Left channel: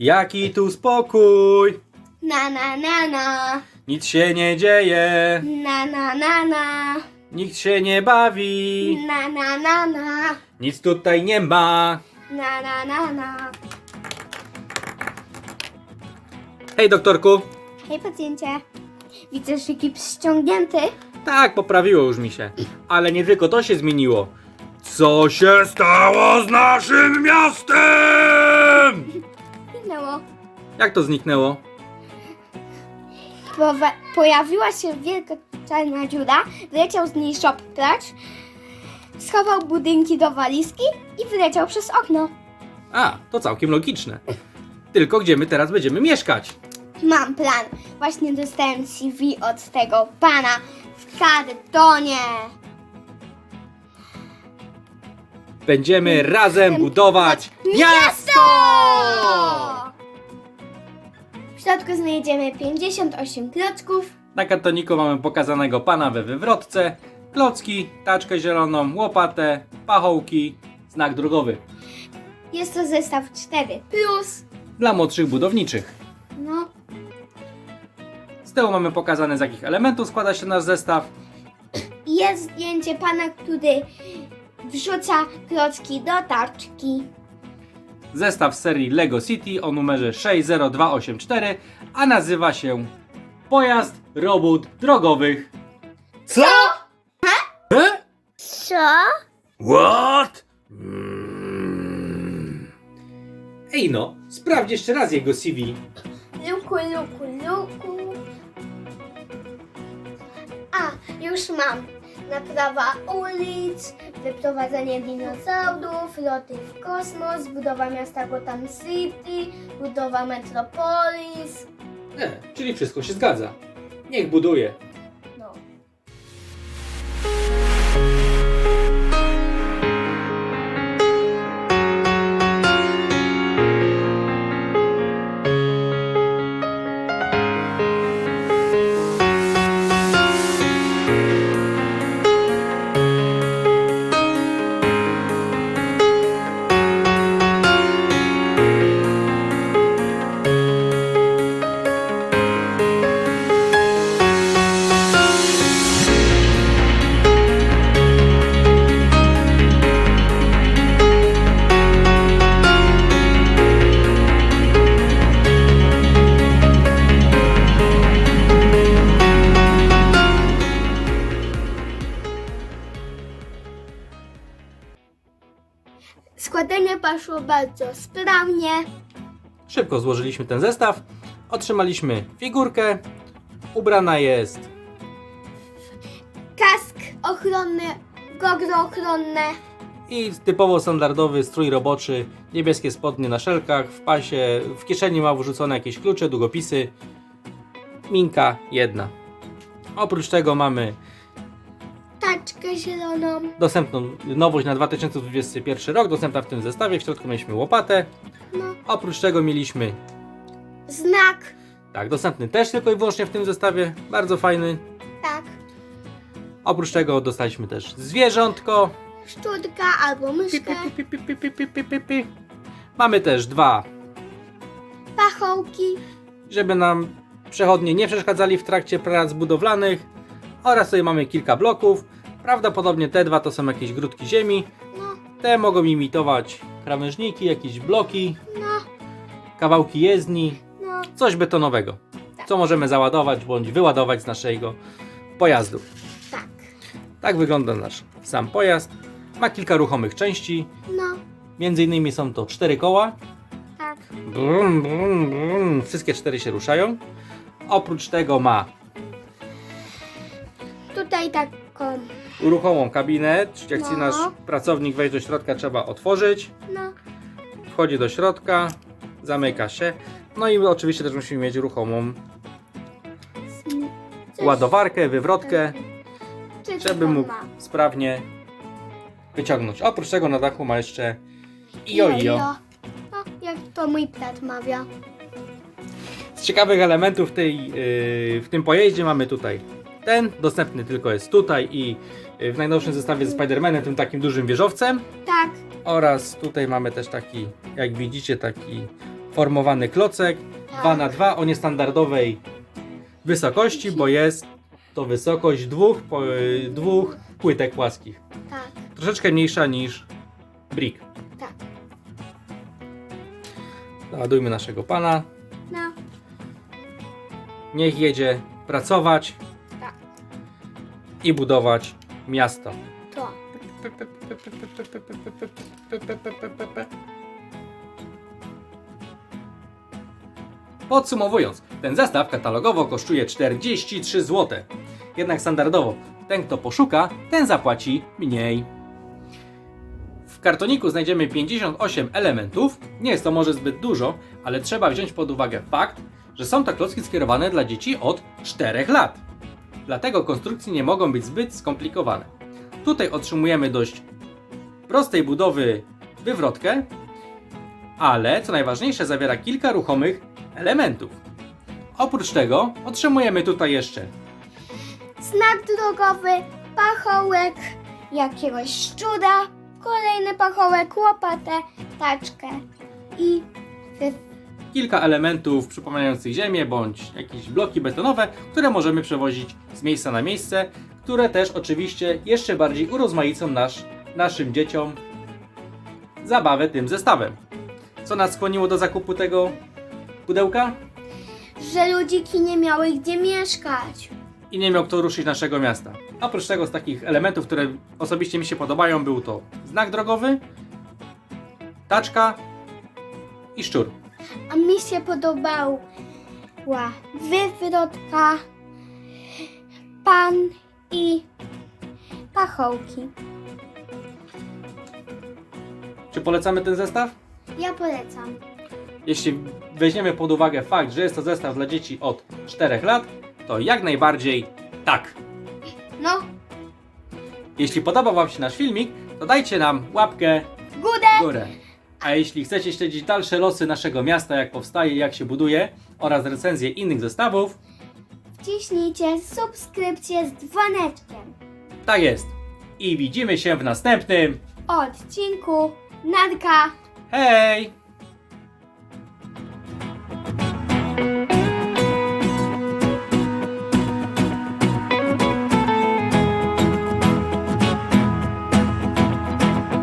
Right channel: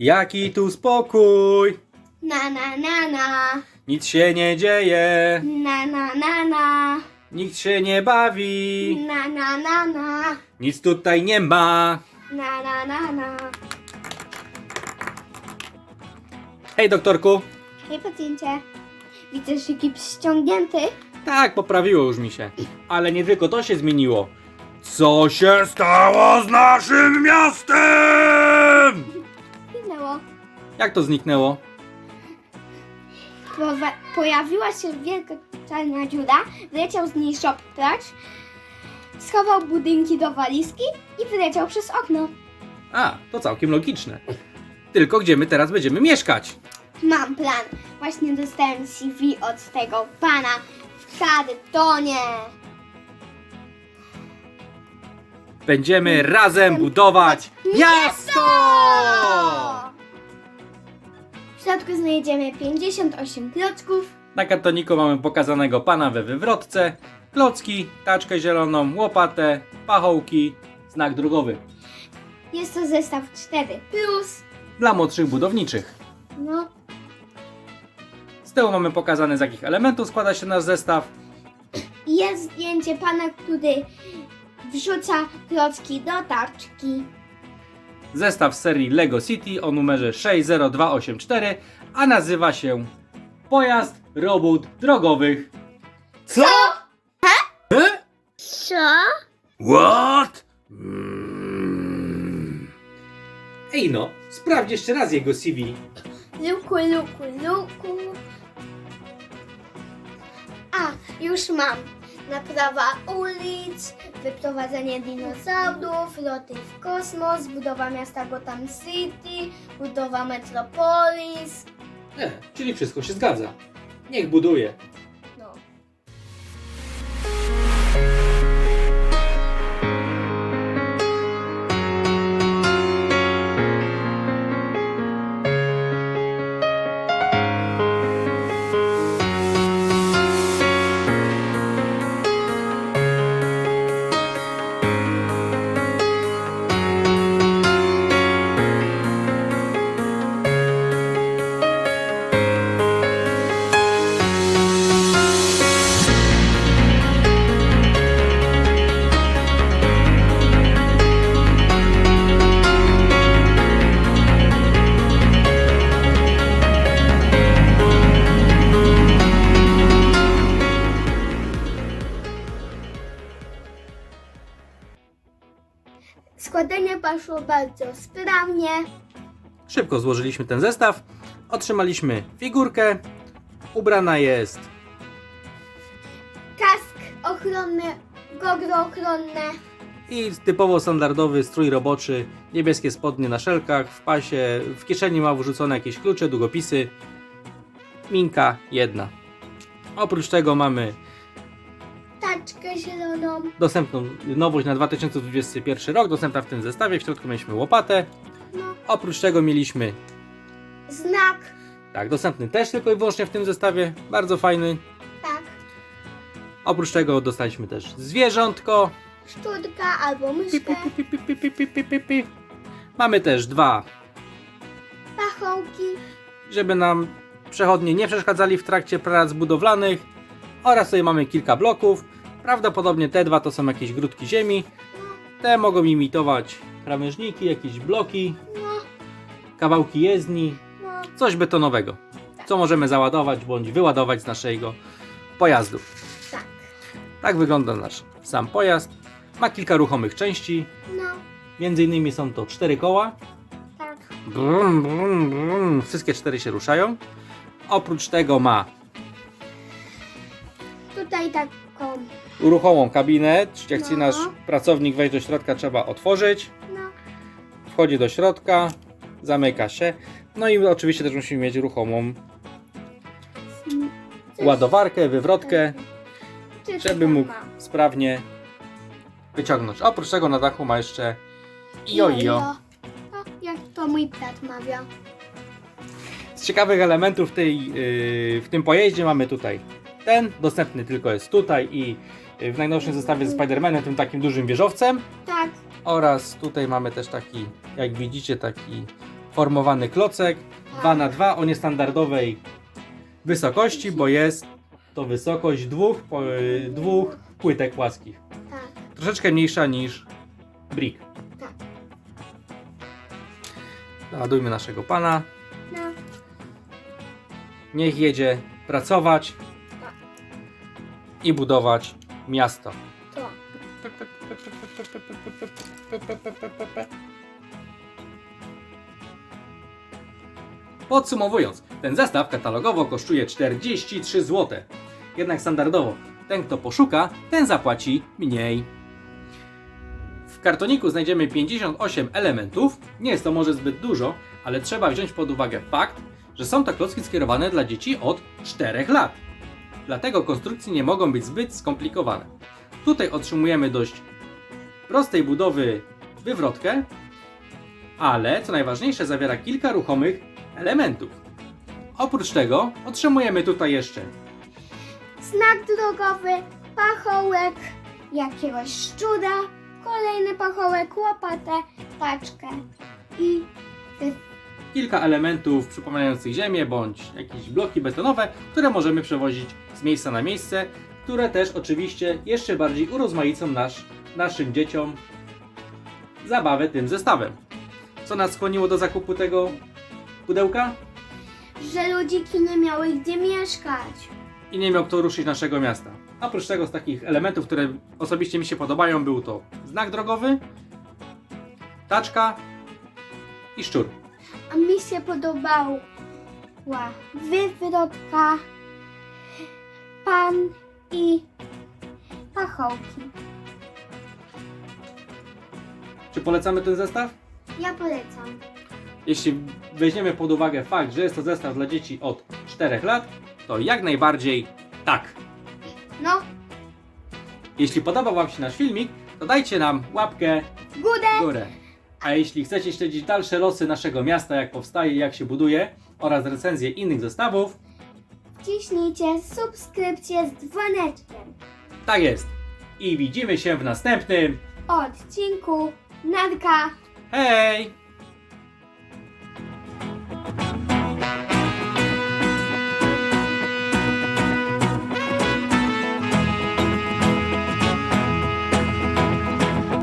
Jaki tu spokój! Na na na na. Nic się nie dzieje, Na na na na. nikt się nie bawi, Na na na na. nic tutaj nie ma. Na na na na. Hej doktorku! Hej pacjencie. Widzę, że gips ściągnięty. Tak, poprawiło już mi się. Ale nie tylko to się zmieniło. Co się stało z naszym miastem? Jak to zniknęło? Powa- pojawiła się wielka czarna dziura, wleciał z niej szoptracz, schował budynki do walizki i wyleciał przez okno. A, to całkiem logiczne. Tylko gdzie my teraz będziemy mieszkać? Mam plan. Właśnie dostałem CV od tego pana w kartonie. Będziemy razem budować miasto! W środku znajdziemy 58 klocków. Na kartoniku mamy pokazanego pana we wywrotce, klocki, taczkę zieloną, łopatę, pachołki, znak drogowy. Jest to zestaw 4 plus. Dla młodszych budowniczych. No, Z tyłu mamy pokazane z jakich elementów składa się nasz zestaw. jest zdjęcie pana, który wrzuca klocki do taczki. Zestaw z serii LEGO City o numerze 60284, a nazywa się Pojazd Robót Drogowych. Co? He? Co? What? Mm. Ej no, sprawdź jeszcze raz jego CV. Luku, luku, luku. A, już mam. Naprawa ulic, wyprowadzenie dinozaurów, loty w kosmos, budowa miasta Gotham City, budowa Metropolis. E, czyli wszystko się zgadza. Niech buduje. Składanie poszło bardzo sprawnie. Szybko złożyliśmy ten zestaw. Otrzymaliśmy figurkę. Ubrana jest Kask ochronny, gogro ochronne. i typowo standardowy strój roboczy. Niebieskie spodnie na szelkach, w pasie, w kieszeni ma wrzucone jakieś klucze, długopisy. Minka jedna. Oprócz tego mamy Taczkę zieloną. dostępną nowość na 2021 rok, dostępna w tym zestawie. W środku mieliśmy łopatę. Oprócz tego mieliśmy, Znak. tak, dostępny też tylko i wyłącznie w tym zestawie. Bardzo fajny. Tak. Oprócz tego dostaliśmy też zwierzątko. Szczutka albo Pi, myszkę. pi, pi, pi, pi, pi, pi, pi, pi, pi. Mamy też dwa, Pachołki. żeby nam przechodnie nie przeszkadzali w trakcie prac budowlanych. Oraz tutaj mamy kilka bloków. Prawdopodobnie te dwa to są jakieś grudki ziemi. Te mogą imitować krawężniki, jakieś bloki, kawałki jezdni, coś betonowego, co możemy załadować bądź wyładować z naszego pojazdu. Tak. Tak wygląda nasz sam pojazd. Ma kilka ruchomych części. Między innymi są to cztery koła. Brum, brum, brum. Wszystkie cztery się ruszają. Oprócz tego ma taką. ruchomą kabinę. Jak chce No. nasz pracownik wejść do środka, trzeba otworzyć. No, Wchodzi do środka, zamyka się. No i oczywiście też musimy mieć ruchomą coś- ładowarkę, wywrotkę, Czy to żeby mógł ma? sprawnie wyciągnąć. Oprócz tego na dachu ma jeszcze jojo. No, jak to mój pet mawia. Z ciekawych elementów tej, yy, w tym pojeździe mamy tutaj ten, dostępny tylko jest tutaj i w najnowszym zestawie z Spider-Manem, tym takim dużym wieżowcem. Tak. Oraz tutaj mamy też taki, jak widzicie, taki formowany klocek 2 na 2 o niestandardowej wysokości, bo jest to wysokość dwóch, po, dwóch płytek płaskich. Tak, Troszeczkę mniejsza niż brick. tak. Załadujmy naszego pana. No, Niech jedzie pracować Tak. i budować miasto. to. Podsumowując, ten zestaw katalogowo kosztuje 43 zł. Jednak standardowo, ten kto poszuka, ten zapłaci mniej. W kartoniku znajdziemy 58 elementów. Nie jest to może zbyt dużo, ale trzeba wziąć pod uwagę fakt, że są to klocki skierowane dla dzieci od 4 lat. Dlatego konstrukcje nie mogą być zbyt skomplikowane. Tutaj otrzymujemy dość prostej budowy wywrotkę, ale co najważniejsze zawiera kilka ruchomych elementów. Oprócz tego otrzymujemy tutaj jeszcze Znak drogowy, pachołek, jakiegoś szczura, kolejny pachołek, łopatę, taczkę i kilka elementów przypominających ziemię bądź jakieś bloki betonowe, które możemy przewozić z miejsca na miejsce, które też oczywiście jeszcze bardziej urozmaicą nasz, naszym dzieciom zabawę tym zestawem. Co nas skłoniło do zakupu tego pudełka? że ludziki nie miały gdzie mieszkać. i nie miał kto ruszyć naszego miasta. Oprócz tego z takich elementów, które osobiście mi się podobają, był to znak drogowy, taczka i szczur. A mi się podobała wywrotka, pan i pachołki. Czy polecamy ten zestaw? Ja polecam. Jeśli weźmiemy pod uwagę fakt, że jest to zestaw dla dzieci od 4 lat, to jak najbardziej tak. No, Jeśli podobał Wam się nasz filmik, to dajcie nam łapkę w górę. A jeśli chcecie śledzić dalsze losy naszego miasta, jak powstaje, jak się buduje oraz recenzje innych zestawów, Wciśnijcie subskrypcję z dzwoneczkiem. tak jest. I widzimy się w następnym. Odcinku Narka. Hej!